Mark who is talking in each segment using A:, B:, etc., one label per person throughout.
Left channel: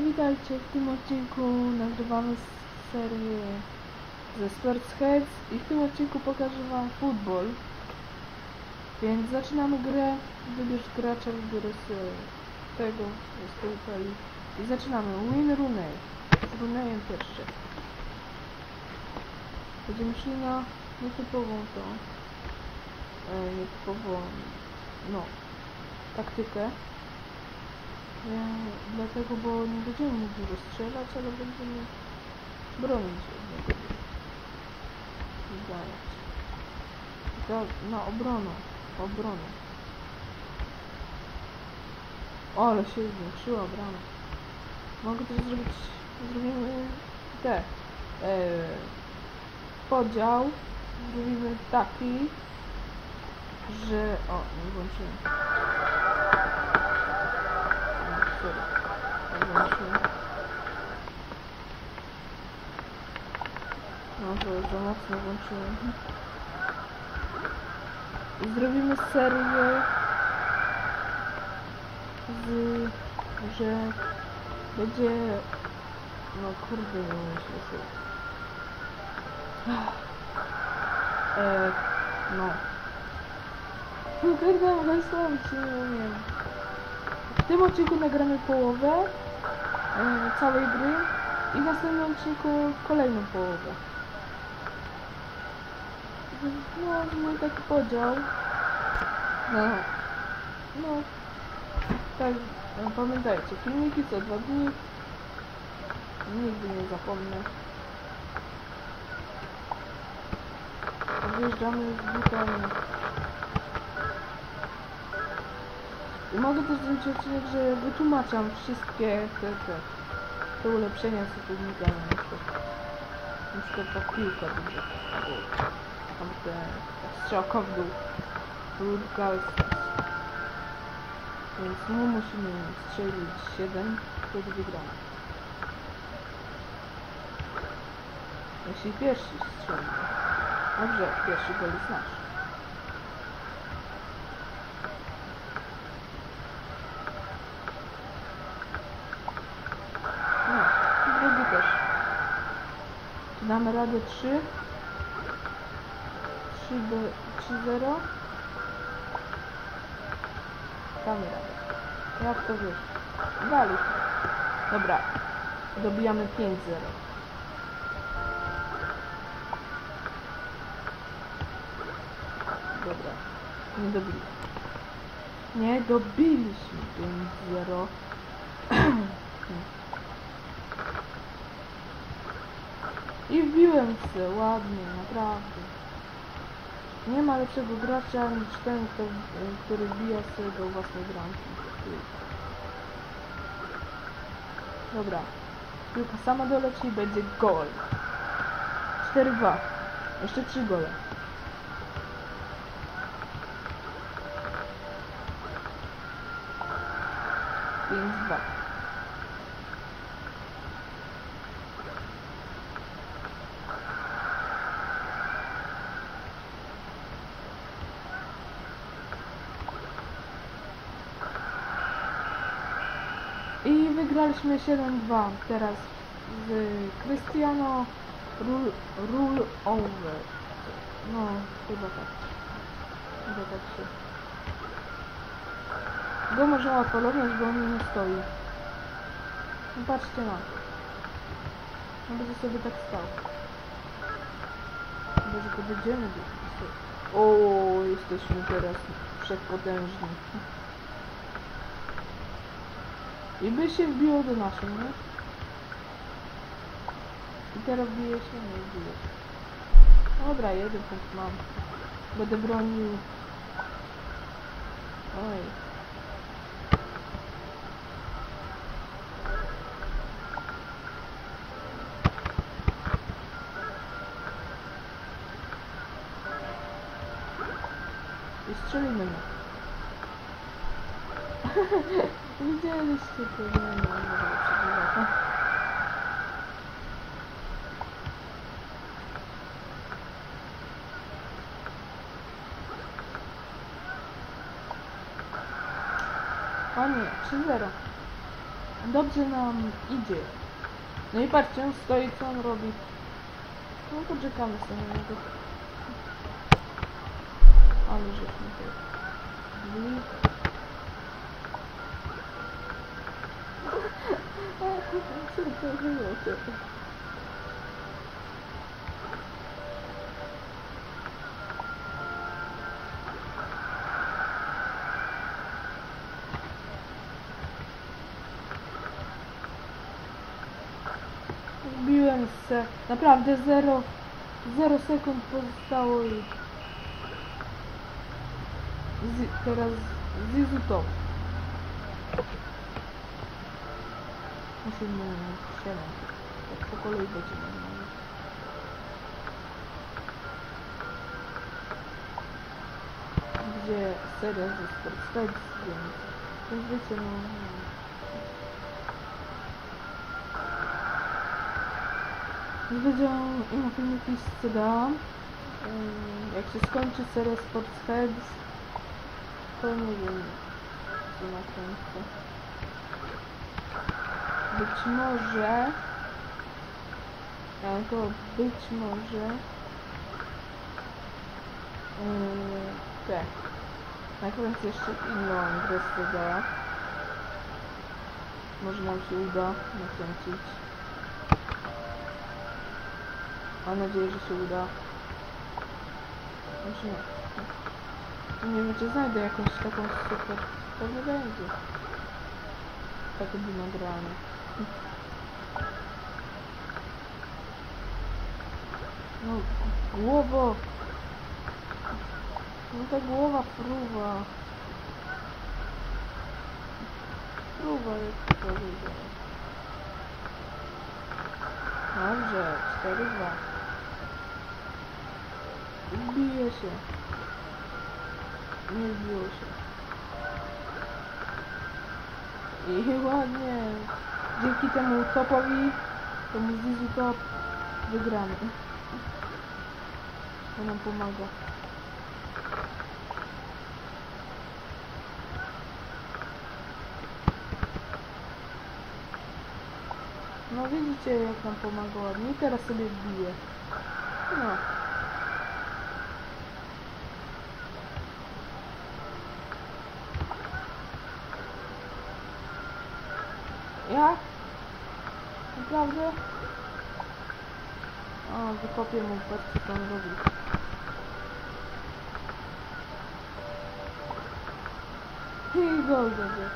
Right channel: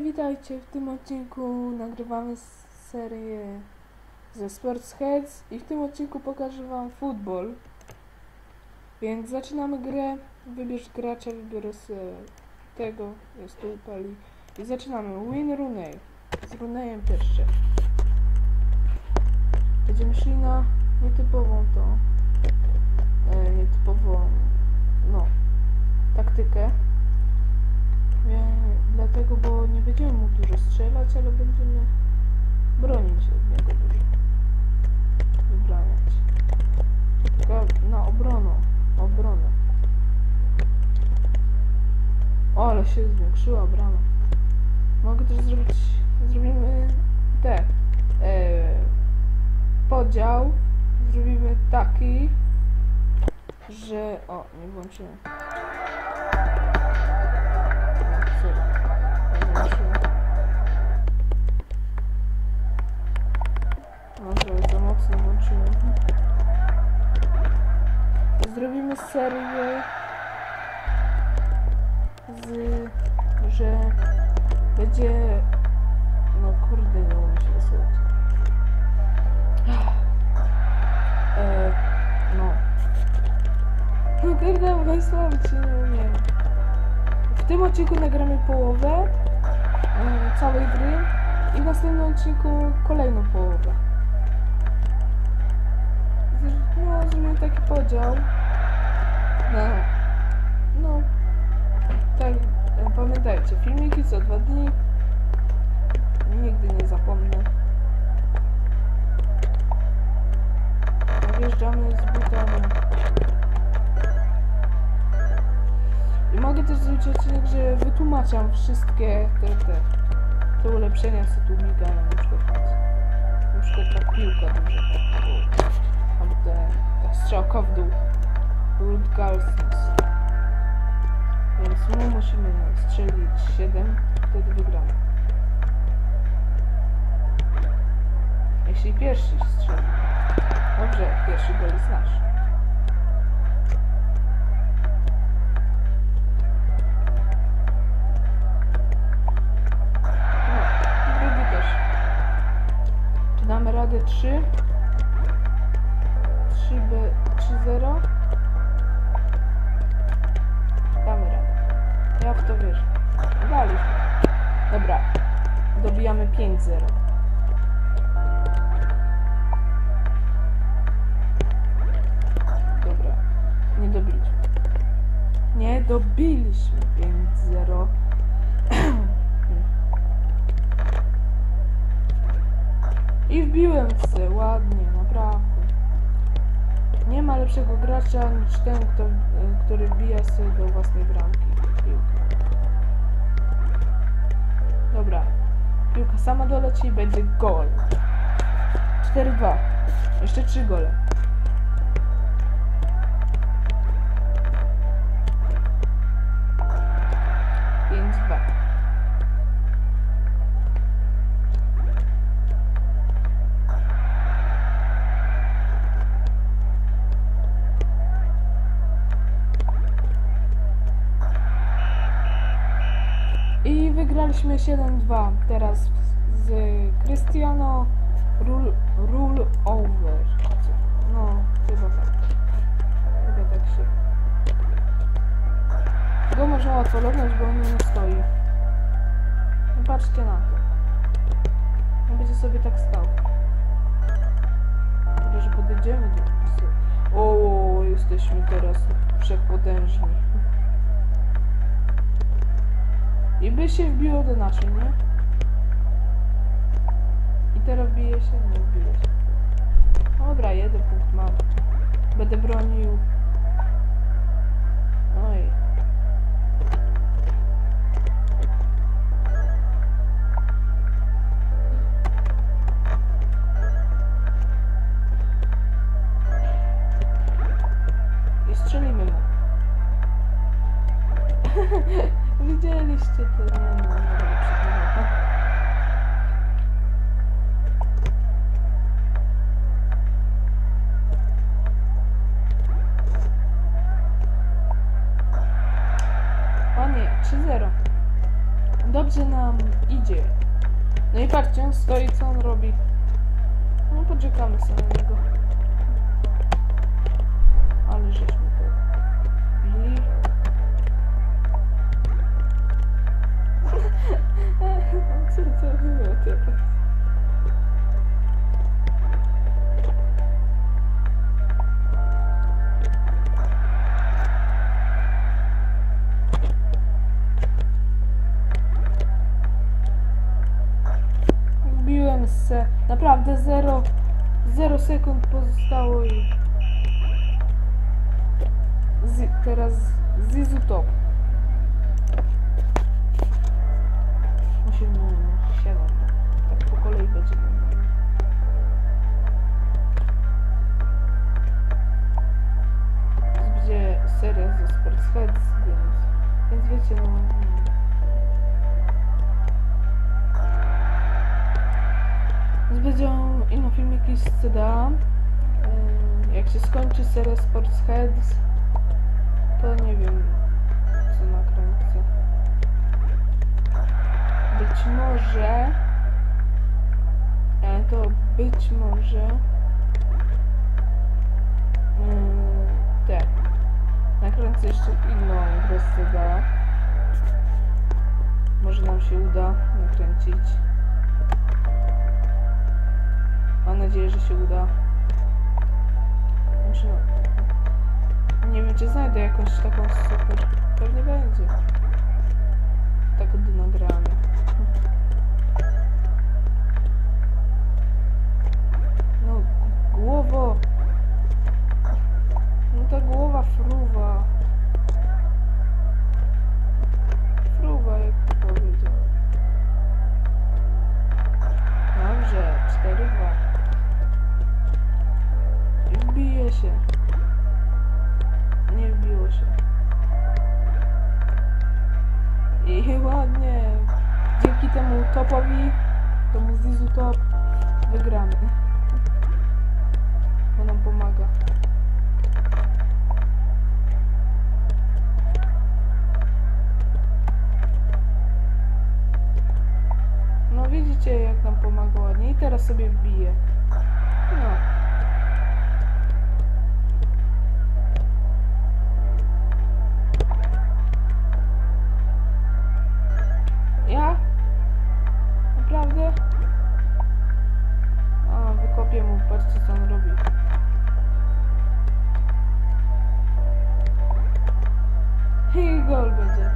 A: witajcie. W tym odcinku nagrywamy serię ze Sports Heads i w tym odcinku pokażę wam futbol. Więc zaczynamy grę. Wybierz gracza, wybiorę sobie tego, jest tu Peli. I zaczynamy. Win Rooney. Z Rooneyem pierwsze. Będziemy szli na nietypową to. E, nietypową, no, taktykę. Dlatego, bo nie będziemy mógł dużo strzelać, ale będziemy bronić od niego dużo. Tylko na obronę. Obronę. O, ale się zwiększyła brama. Mogę też zrobić, zrobimy te, e, podział. Zrobimy taki, że, o, nie włączyłem. Sorry. Nie włączyłem. Może za mocno włączyłem. Zrobimy serię z, że będzie, no kurde, nie umiem się rysować. E, no. No kurde, wysłać nie umiem. W tym odcinku nagramy połowę e, całej gry i w następnym odcinku kolejną połowę. No, zrobimy taki podział. No, no, tak, e, pamiętajcie, filmiki co dwa dni. Nigdy nie zapomnę. Wjeżdżamy z butami. I mogę też zrobić odcinek, że wytłumaczam wszystkie te, te, te ulepszenia, co tu migają, na przykład, na przykład ta piłka duża, tak, o, tam te, ta strzałka w dół, Root Galsness. Więc my musimy strzelić 7, wtedy wygramy. Jeśli pierwszy strzeli. Dobrze, pierwszy gol jest nasz. No, i drugi też. Czy damy radę 3? 3B, 3-0? Damy radę. Ja w to wiesz. Daliśmy. Dobra. Dobijamy 5-0. Dobra. Nie dobiliśmy. Nie dobiliśmy 5-0. I wbiłem se ładnie, naprawdę. Nie ma lepszego gracza niż ten, kto, y, który wbija sobie do własnej bramki. Dobra. Piłka sama doleci i będzie gol. 4-2. Jeszcze 3 gole. Pięć, dwa. I wygraliśmy 7-2 teraz z Cristiano Rule, rule Over. No, chyba tak. Chyba tak się. Go można łatwo bo on nie stoi. No patrzcie na to. On będzie sobie tak stał. Chyba, że podejdziemy do... O, jesteśmy teraz wszechpotężni. I by się wbiło do naszej, nie? I teraz bije się? Nie wbije się. Dobra, jeden punkt mam. Będę bronił. Oj. I strzelimy no. Widzieliście to, nie no, przegrywał. O nie, 3-0. Dobrze nam idzie. No i patrzcie, on stoi, co on robi. No poczekamy sobie na niego. Ale żeśmy to... byli. Co to było teraz? Wbiłem se. Naprawdę 0 0 sekund pozostało i z, teraz Zizu top. Musimy 7. Tak po kolei będzie normalnie. Gdzie seria ze Sports Heads, więc, więc wiecie no. no. Więc Będzie inny filmiki z CDA. Jak się skończy seria Sports Heads, to nie wiem co nakręcę. Być może, ale to być może yy, tak. Nakręcę jeszcze inną grę z. Może nam się uda nakręcić. Mam nadzieję, że się uda. Nie wiem, czy znajdę jakąś taką super. Pewnie będzie. Tak by nagrane. No, g- głowo. No ta głowa fruwa. Fruwa, jak to powiedziałeś. Dobrze, 4-2. Wbije się. Nie wbiło się. Dzięki temu topowi, temu Zizu top, wygramy. To nam pomaga. No widzicie jak nam pomaga ładnie. I teraz sobie wbije. No. Patrzcie co on robi. I gol będzie.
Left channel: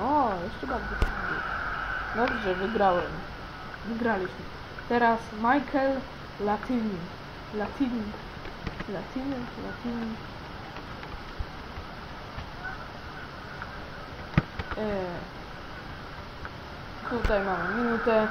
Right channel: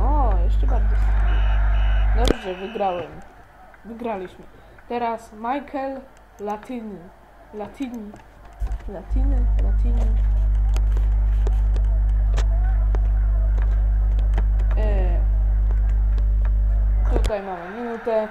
A: O, jeszcze bardziej. Dobrze, wygrałem. Wygraliśmy. Teraz Michael Latini. Latini. Latini, Latini. E, tutaj mamy minutę.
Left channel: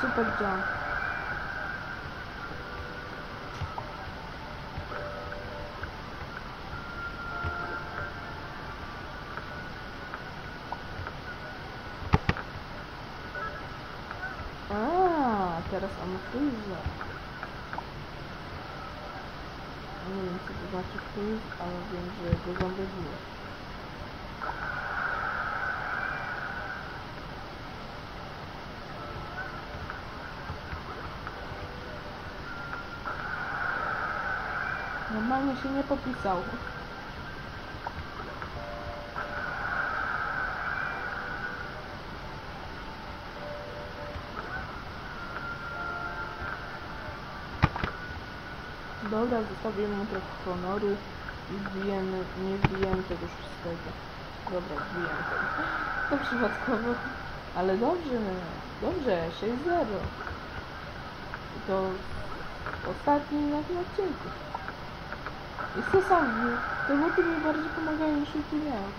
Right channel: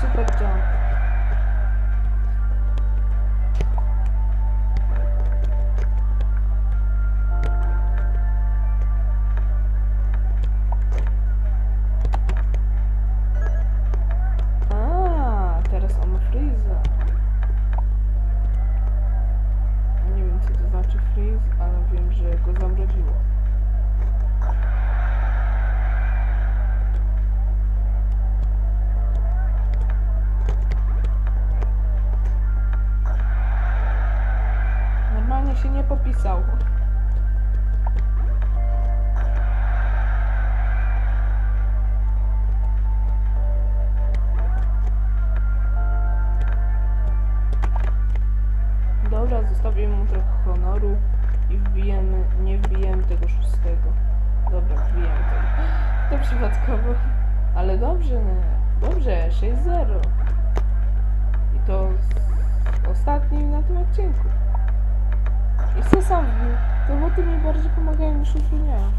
A: Super jump. A, teraz on ma freeza. Nie wiem co to znaczy freeze, ale wiem, że go. Się nie popisał. Dobra, zostawię mu trochę honoru i wbijemy, nie wbijemy tego szóstego. Dobra, wbijemy tego. To przypadkowo. Ale dobrze, no. Dobrze, 6-0. I to ostatni na tym odcinku. Co sam wbił? To boty mi bardziej pomagają niż utrudniają.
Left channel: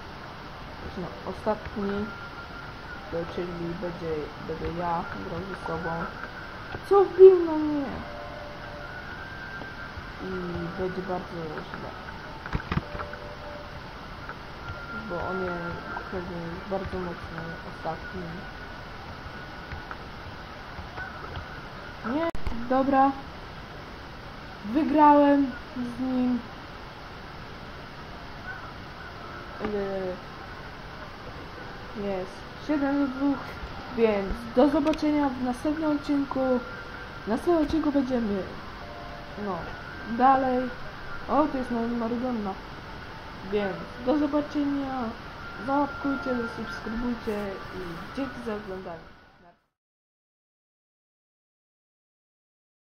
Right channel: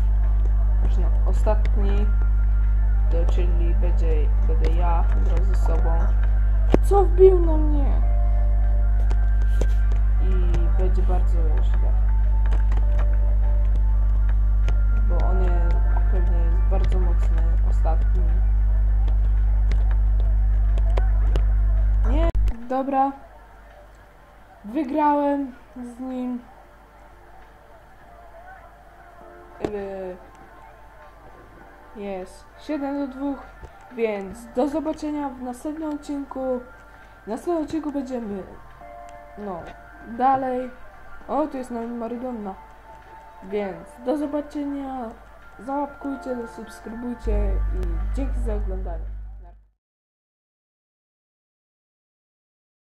A: Znaczy no, ostatni to czyli będzie, będę ja grał ze sobą. Co wbił na mnie? I będzie bardzo źle. Bo on jest pewnie jest bardzo mocny ostatni. Nie, Dobra. Wygrałem z nim. Yy, Jest 7 do 2, więc do zobaczenia w następnym odcinku. W następnym odcinku będziemy no dalej. O, tu jest Marydonna. Więc do zobaczenia. Załapkujcie, zasubskrybujcie i dzięki za oglądanie.